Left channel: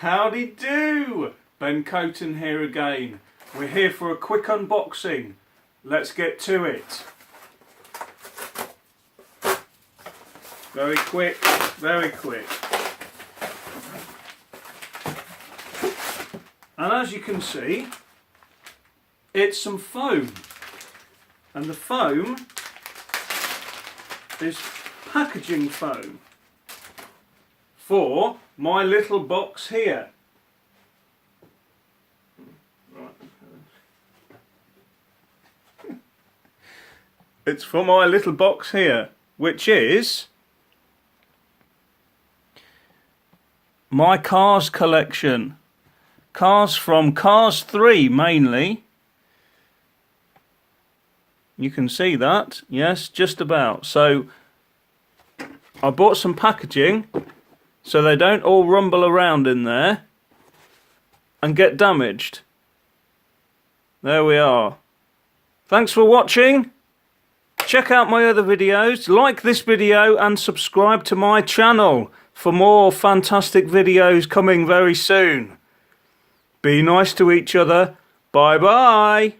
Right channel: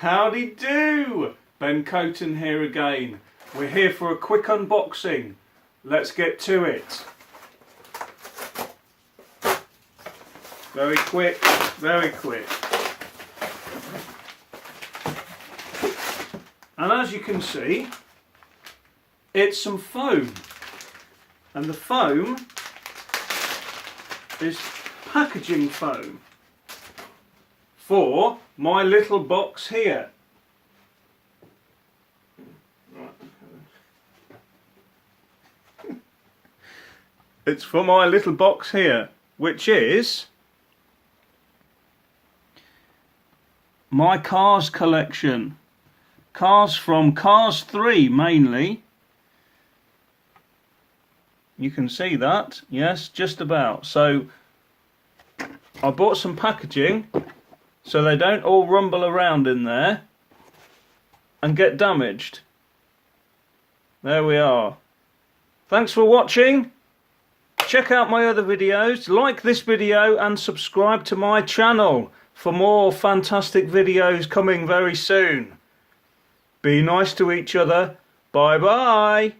Howdy do! Ben Coton here again. We're here for a quick unboxing. Let's get to it. Very quick, very quick. And as you can see, it's some foam. And the foam is packaging foam for my little box here. It's for my little box here, which is my Cars collection. Cars from Cars 3 mainly. You can see that, yes, just about. So I bought some packaging so they don't all rumble around in there and get damaged. There we are. Thanks for watching. Check out my other videos, like this video and subscribe to my channel for more fantastic videos coming very soon. Be nice to each other. Bye bye.